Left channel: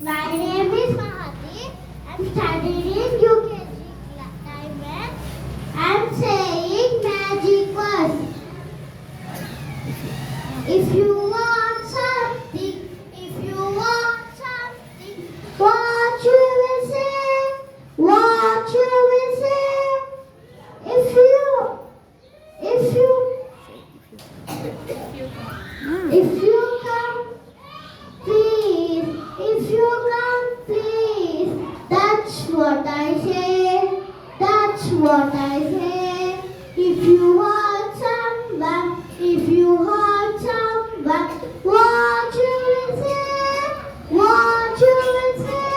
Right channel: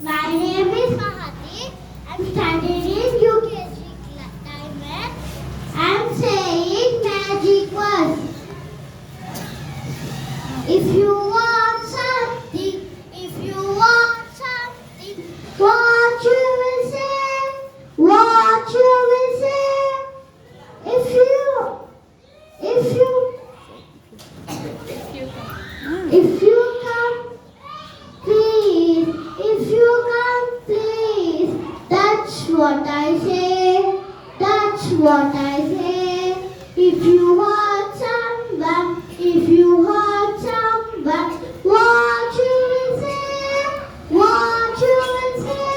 My name is Mahati. I'm studying in UKG time and I'm saying magic words. If you want something, if you want something, what you will say, what you will say. If you come, please, if you come, please, that's what I say, that's what I say. If you want someone, if you want someone, what you will say, what you will say.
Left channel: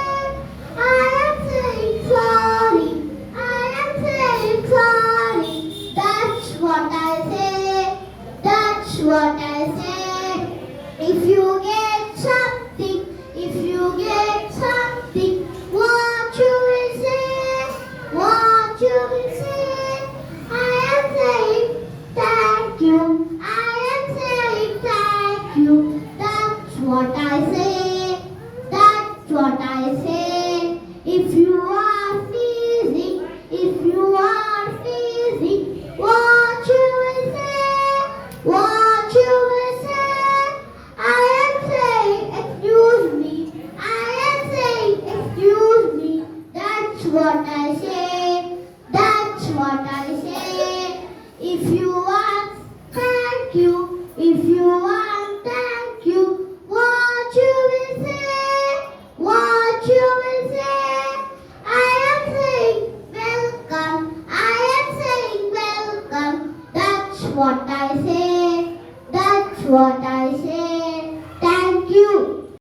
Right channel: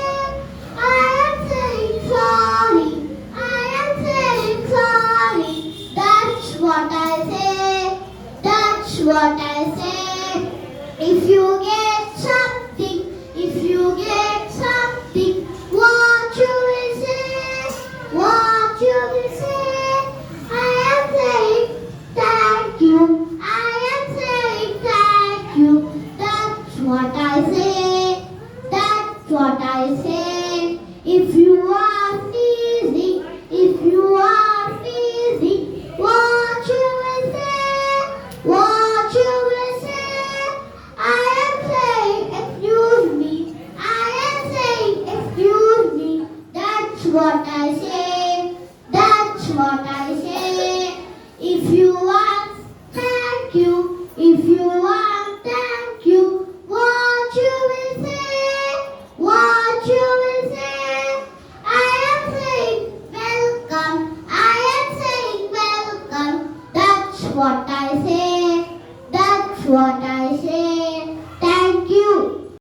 I am saying sorry, I am saying sorry, that's what I say, that's what I say. If you get something, if you get something, what you will say, what you will say. I am saying thank you, I am saying thank you, that's what I